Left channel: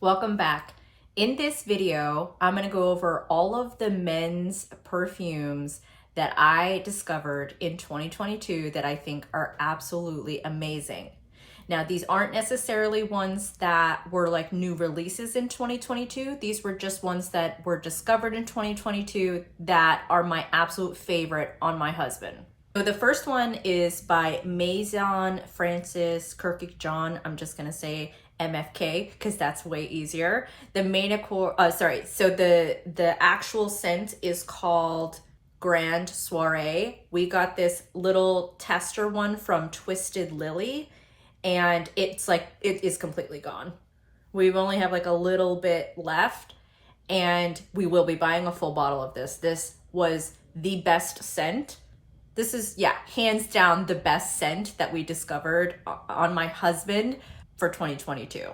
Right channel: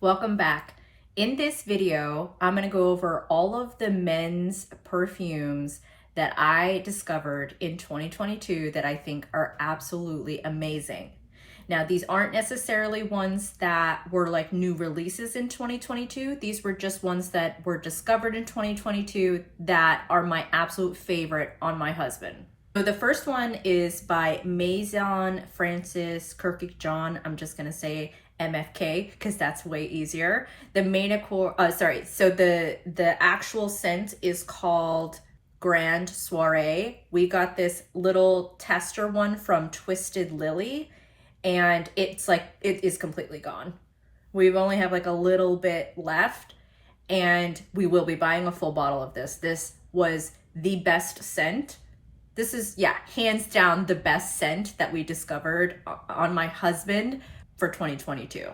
Welcome back. In this video, I'm going to go over all of the men's perfumes that I discovered in 2022 that I think are absolutely amazing. Now, these aren't necessarily ones that were like new releases in 2022. These were just ones that were discovered in 2022 that are my absolute favorite on my husband. So the first one is by Maison Francis Kirkpatrick John. I'm just going to say MFK because that's way easier. The the actual scent is called Grand Soiree. We got this little tester one from Twisted Lily, and it is completely gone. We've only have like a little bit left, and we will be buying a full bottle of this. This was the best scent. This is, yeah, hands down the best scent that we discovered on my husband for 2022.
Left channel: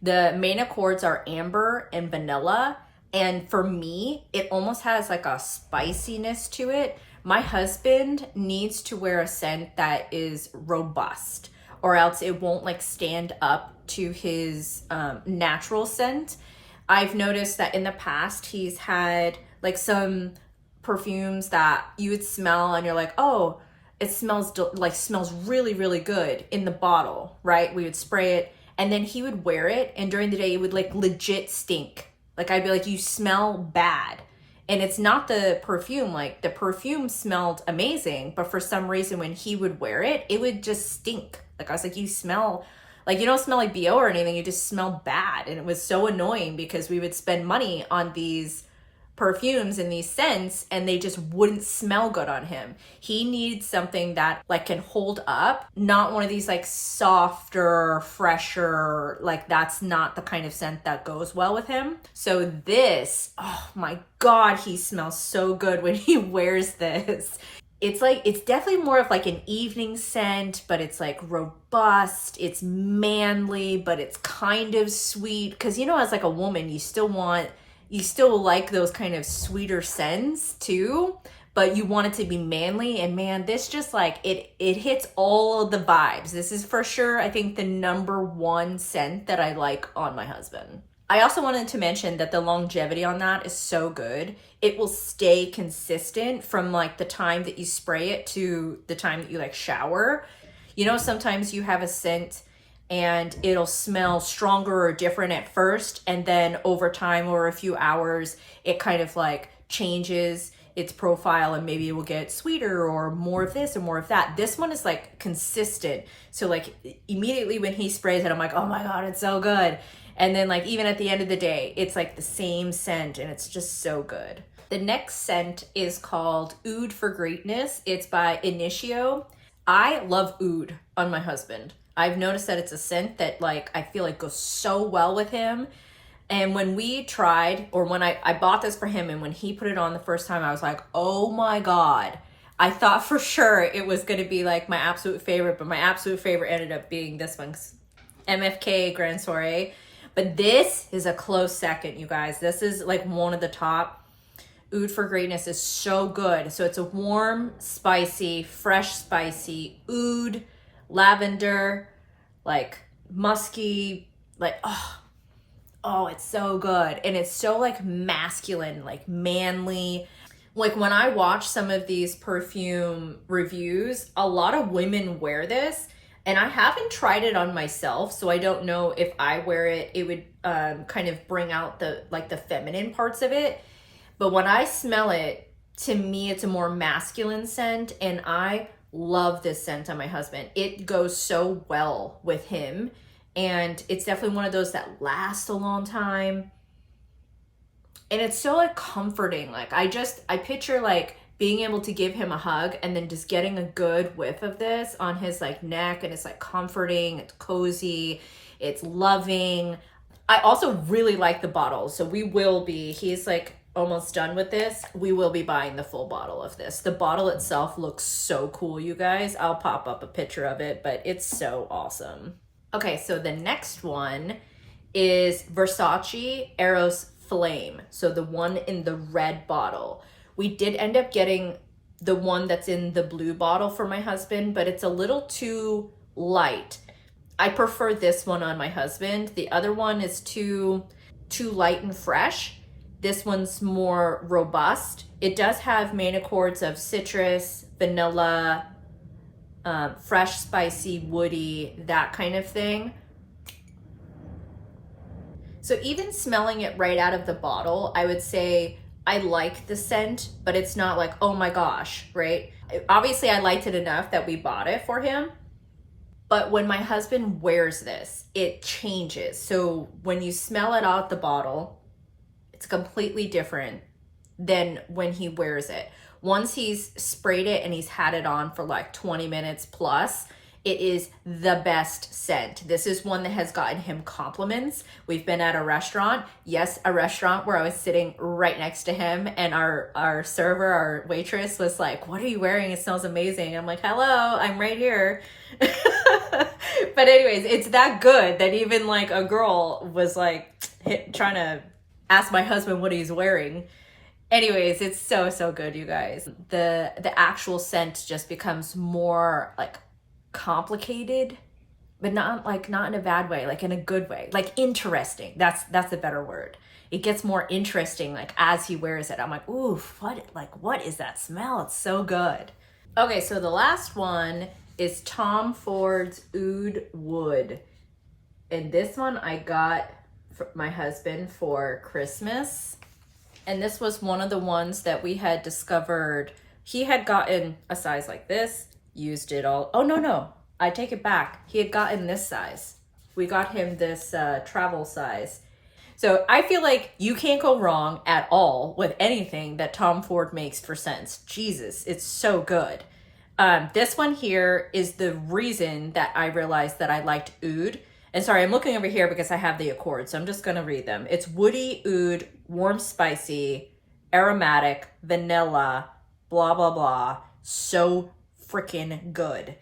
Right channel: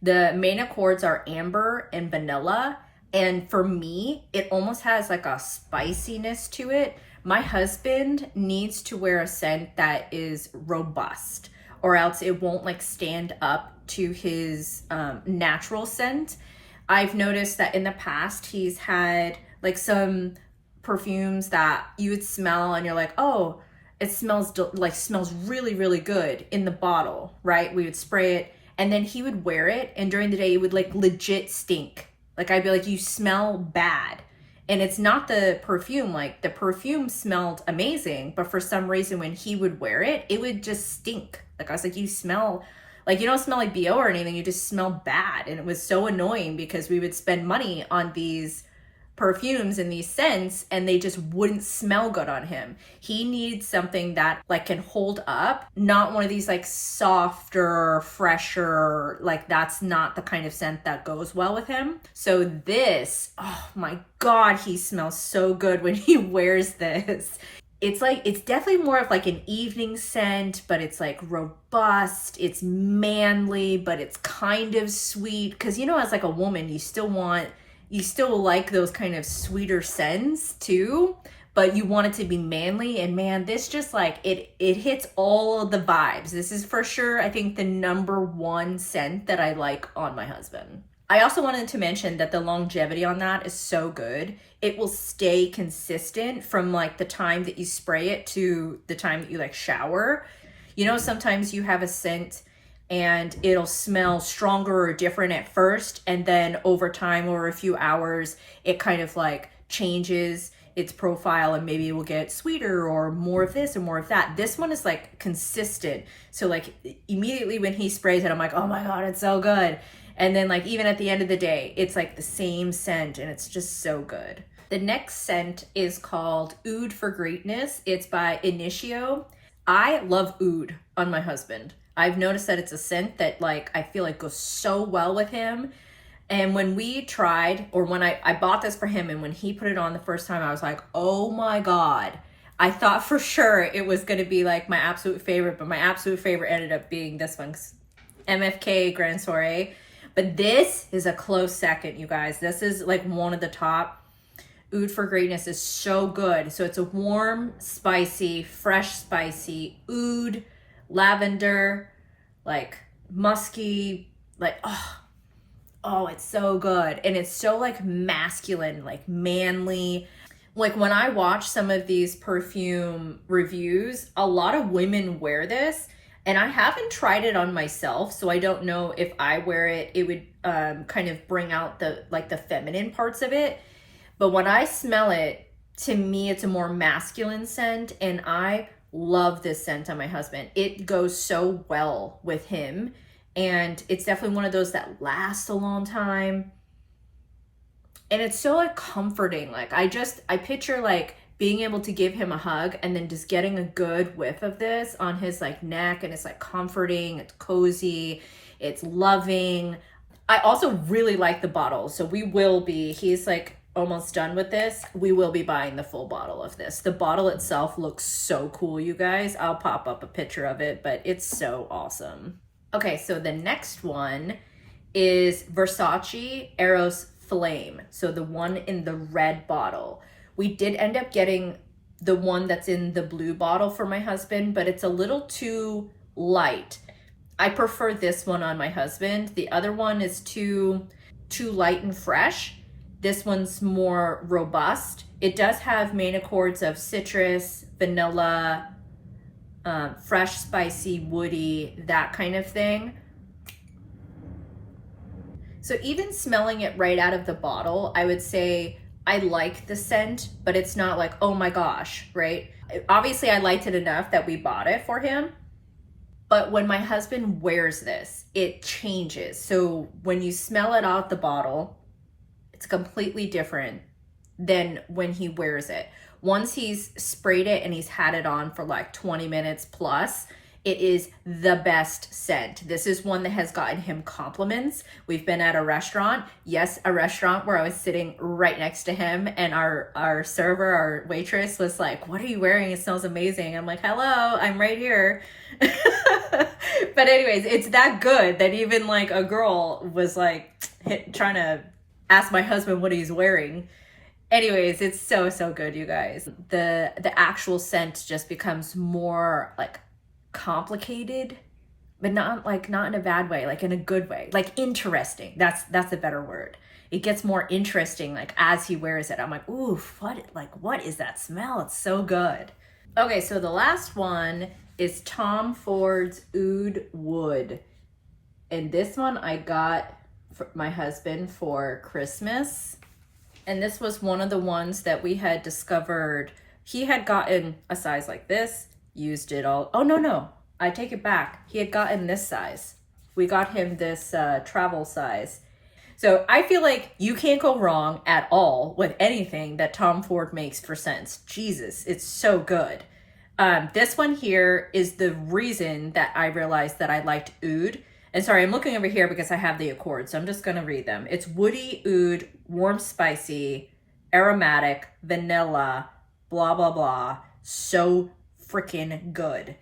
The main accords are amber and vanilla, and for me, it almost has like a spiciness to it. My husband needs to wear a scent that is robust, or else it won't like stand up to his natural scent. I've noticed that in the past, he's had like some perfumes that you would smell and you're like, oh, it smells smells really, really good in the bottle, right? We would spray it and then he would wear it, and during the day it would like legit stink. Like I'd be like, you smell bad. And it's not the perfume, like the perfume smelled amazing, but for some reason when he would wear it, it would just stink. Like I was like, you smell like, you don't smell like BO or anything, you just smell bad. And it was so annoying because we would spend money on these perfumes and these scents and they just wouldn't smell good on him. He needs something that like can hold up, not one of these like softer, fresher, like that's not the kind of scent that goes well with him. So this, oh my God, he smells so good when he wears this. It's definitely more of like an evening scent, but it's like robust, it's manly, but it's kind of sweet. Cause you know, as like a woman, you still like those kind of sweeter scents too, but you want it to be manly. And man, this just like, it hits all of the vibes. This is for sure, I think, the number one scent that I like on my husband. I also wanted to mention that the longevity on that is so good. It will stay consistent from like the time that you spray it to the time that you like shower. You know, sometimes you have a scent and it'll smell stronger or different at first, and then over time, over a few hours, it kind of like changes its profile and maybe it will get sweeter or more of this and more of that. This one is like consistent. So like immediately when he sprays it, I'm like, oh my God, it's so good. And then like even at the end of the day, it's like the same scent and it's just so good. The next scent is called Oud for Greatness. It's by Initio. I love oud on my husband. I've noticed that it's a scent that like I feel like goes so well with him. And when we tried, or when I bought this for him and when he put it on the first time, I was like, oh my God. I thought for sure it was going to be like my absolute favorite, but my absolute favorite ended up being this one, MFK Grand Soiree. But this is a close second, you guys. This is like one of the top. Oud for Greatness is so good. So it's a warm, spicy, fresh, spicy oud, lavender, like musky, like oh, it's so good. And it's so like masculine, like manly. Like when I watch some of these perfume reviews, a lot of women wear this, and I haven't tried it on myself, so I don't know if I wear it, it would kind of bring out the like the feminine parts of it. But when I smell it, to me, it's a more masculine scent, and I love this scent on my husband. It goes so well with him, and it's definitely one of those that lasts a long time. And it's so like comforting. Like I picture like being able to give him a hug and then just getting a good whiff of this on his like neck, and it's like comforting, it's cozy, it's loving. I also really like the bottle. So he's like almost done with this. We will be buying the full bottle of this. The bottle itself looks so cool, you guys. I'll pop up a picture of it, but it's so awesome. Okay, so the next one is Versace Eros Flame. So the one in the red bottle. We did end up getting the one that's in the blue bottle for my husband, but it's a little too light. I prefer this one on my husband. The other one is too light and fresh. This one's more robust. It does have main accords of citrus, vanilla, fresh, spicy, woody, that kind of thing. So even smelling it right out of the bottle, I would say I like the scent, but it's not like, oh my gosh, right? Obviously I liked it enough that we bought it for him. But when my husband wears this, it changes. So when you smell it out the bottle, it's completely different than when he wears it. Once he's sprayed it and he's had it on for like 20 minutes plus, it is the best scent. This is one that has gotten him compliments. We've been at a restaurant. Yes, a restaurant where I was sitting right next to him, and our server, our waitress was like, "What are you wearing? It smells amazing." I'm like, "Hello, I'm right here." But anyways, it's that good that even like a girl was like trying to ask my husband what he's wearing. Anyways, it's so good, you guys. The actual scent just becomes more like complicated, but not in a bad way, like in a good way, like interesting. That's a better word. It gets more interesting like as he wears it. I'm like, ooh, what is that smell? It's so good. Okay, so the last one is Tom Ford's Oud Wood. And this one I got for my husband for Christmas. And this was one of the ones that we had discovered. He had gotten a size like this, used it all. Oh, no, I take it back. He had gotten this size. We got him this travel size. So I feel like you can't go wrong at all with anything that Tom Ford makes for scents. Jesus, it's so good. This one here is the reason that I realized that I liked oud. And sorry, I'm looking over here because I have the accords, so I'm just gonna read them. It's woody, oud, warm, spicy, aromatic, vanilla, blah, blah, blah. So freaking good.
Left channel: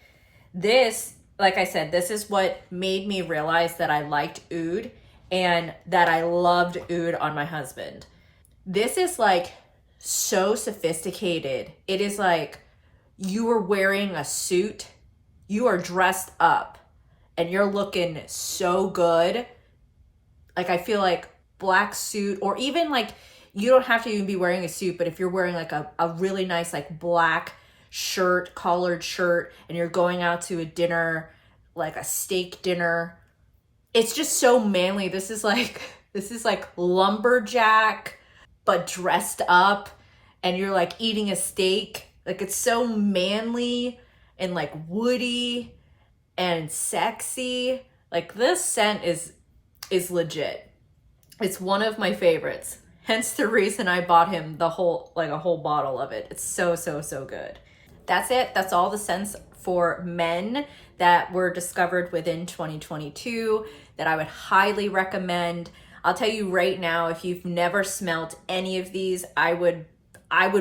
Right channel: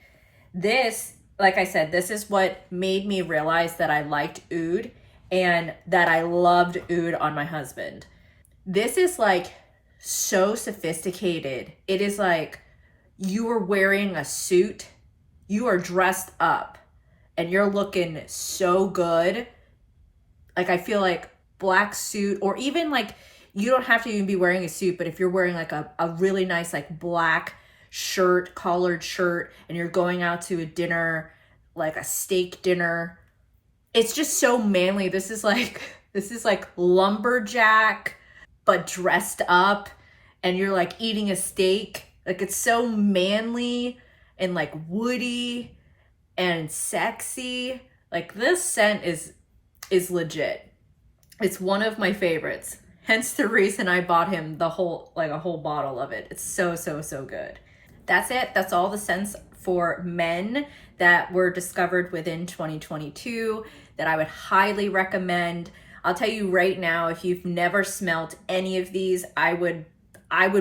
This, like I said, this is what made me realize that I liked oud and that I loved oud on my husband. This is like so sophisticated. It is like you are wearing a suit, you are dressed up, and you're looking so good. Like I feel like black suit, or even like you don't have to even be wearing a suit, but if you're wearing like a really nice like black shirt, collared shirt, and you're going out to a dinner, like a steak dinner, it's just so manly. This is like lumberjack, but dressed up, and you're like eating a steak. Like it's so manly and like woody and sexy. Like this scent is legit. It's one of my favorites. Hence the reason I bought him a whole bottle of it. It's so good. That's it. That's all the scents for men that were discovered within 2022 that I would highly recommend. I'll tell you right now, if you've never smelled any of these, I would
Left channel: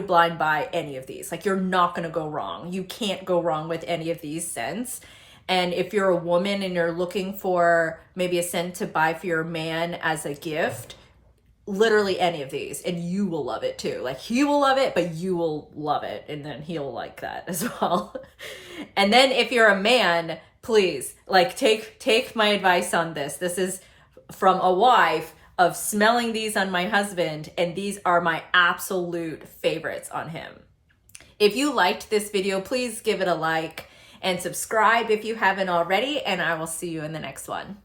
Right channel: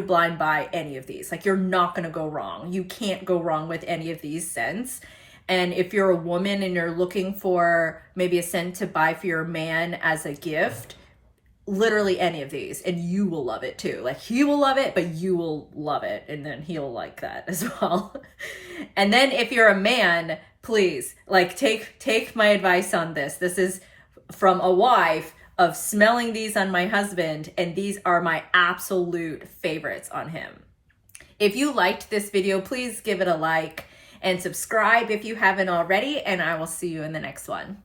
blind buy any of these. Like you're not gonna go wrong. You can't go wrong with any of these scents. And if you're a woman and you're looking for maybe a scent to buy for your man as a gift, literally any of these, and you will love it too. Like he will love it, but you will love it, and then he'll like that as well. And then if you're a man, please like take my advice on this. This is from a wife of smelling these on my husband, and these are my absolute favorites on him. If you liked this video, please give it a like and subscribe if you haven't already, and I will see you in the next one.